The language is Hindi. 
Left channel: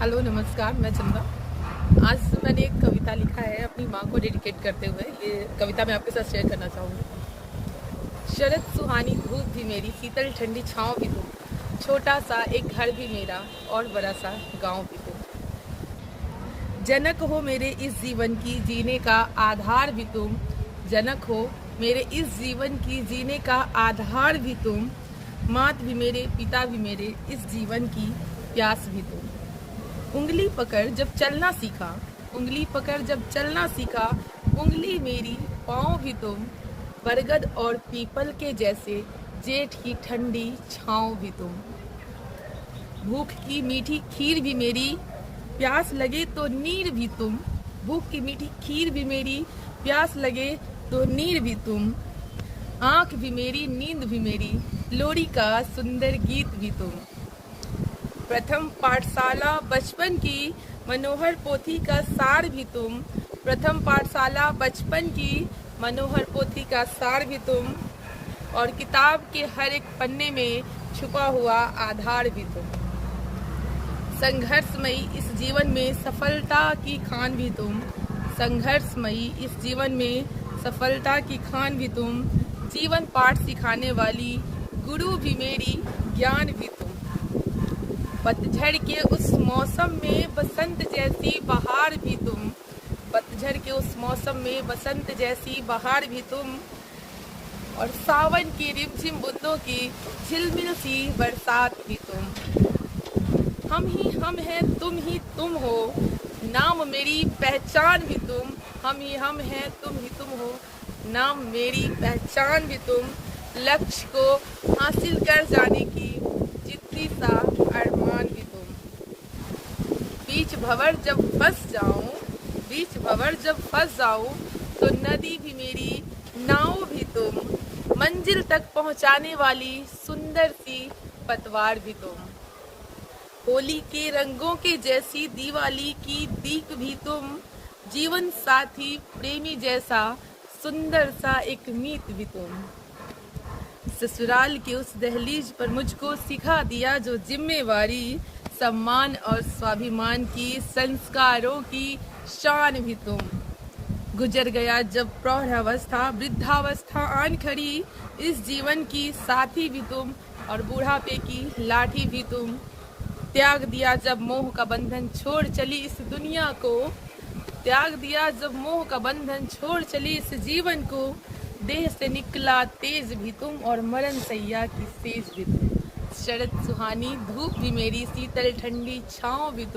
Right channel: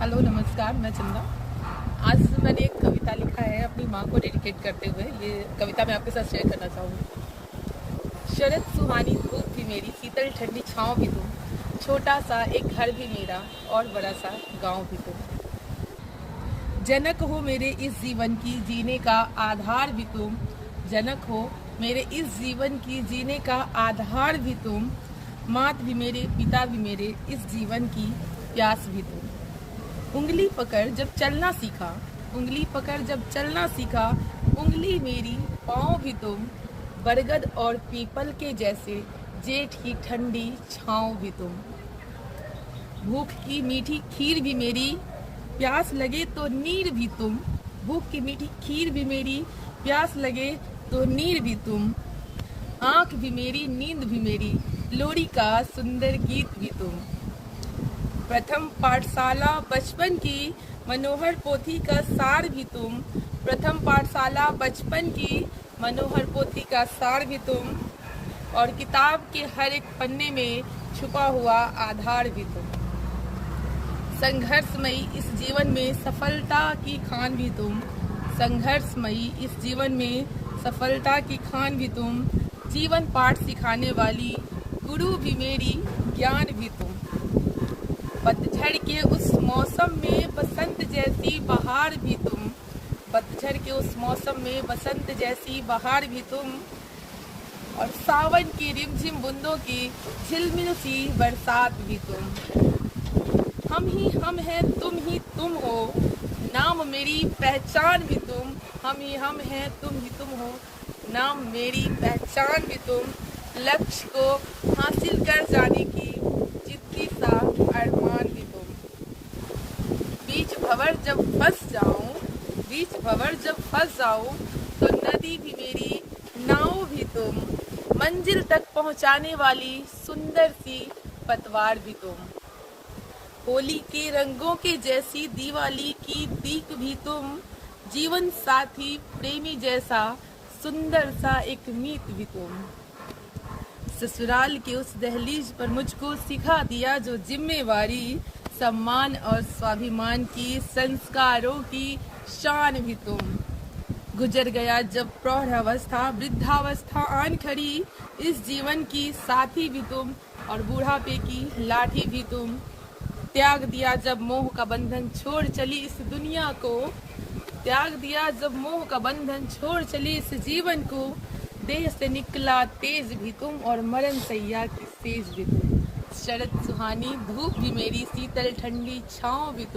हेलो नमस्कार, मैं चंदा। आज मैंने एक कविता लिखा है अपनी माँ को डेडिकेट करते हुए। ये कविता मैं आपके साथ शेयर करना चाहूँगी। शरद सुहानी धूप भी मेरी, शीतल ठंडी छाँव भी तुम, छोटा सा एक घर भी मेरा और बड़ा सा गाँव भी तुम। जनक हो मेरे इस जीवन की जीने का आधार भी तुम, जनक हो मेरे इस जीवन की जीने का आधार भी तुम, मात भी मेरे पिता भी मेरे इस जीवन की प्यास भी तुम। उंगली पकड़ जब चलना सीखा, उंगली पकड़ जब चलना सीखा, उंगली मेरी पाँव भी तुम, बरगद और पीपल के जैसे जेठ की ठंडी छाँव भी तुम। भूख की मीठी खीर भी मेरी, प्यास लगे तो नीर भी तुम, भूख की मीठी खीर भी मेरी, प्यास लगे तो नीर भी तुम। आँख भी मेरी नींद भी मेरी, लोरी का सुंदर गीत भी तुम। प्रथम पाठशाला बचपन की मनोहर पोथी का सार भी तुम, प्रथम पाठशाला बचपन की मनोहर पोथी का सार भी तुम, और किताब के हर एक पन्ने में छुपा हुआ आधार भी तुम। संघर्षमयी इस जीवन में सफलता की खान भी तुम, संघर्षमयी इस जीवन में सफलता की खान भी तुम। जीवन पाठ सिखाने वाली गुरु भी मेरी, ज्ञान भी तुम। पतझड़ के उस मौसम में बसंत जैसी बहार भी तुम, पतझड़ के उस मौसम में बसंत जैसी बहार भी तुम, और सावन की रिमझिम बूंदों की झिलमिल सी बरसात भी तुम। हम ही हम हैं, तुम ही तुम हो, नाम मेरी पहचान भी तुम, हम ही हम हैं, तुम ही तुम हो, नाम मेरी पहचान भी तुम। लक्ष्य को हासिल कर जाने की जिद्दी सा अरमान भी तुम। बीच भंवर जब फंस जाऊं, बीच भंवर जब फंस जाऊं, तो नदी भी मेरी, नाव भी तुम, मंजिल तक पहुंचाने वाली सुंदर सी पतवार भी तुम। होली के रंगों के जैसी दिवाली की दीप भी तुम, जीवन साथी प्रेमी जैसा सुंदर सा एक मीत भी तुम। ससुराल के उस दहलीज पर मुझको सिखा दिया जो जिम्मेवारी, सम्मान और स्वाभिमान की, संस्कारों की शान भी तुम। गुजर गया जब प्रौढ़ावस्था, वृद्धावस्था आन खड़ी, इस जीवन की साथी भी तुम, और बुढ़ापे की लाठी भी तुम। त्याग दिया जब मोह का बंधन छोड़ चली इस दुनिया को, त्याग दिया जब मोह का बंधन छोड़ चली इस जीवन को, देह से निकला तेज भी तुम, और मरण सैया की सेज भी तुम। शरद सुहानी धूप भी मेरी, शीतल ठंडी छाँव भी तुम।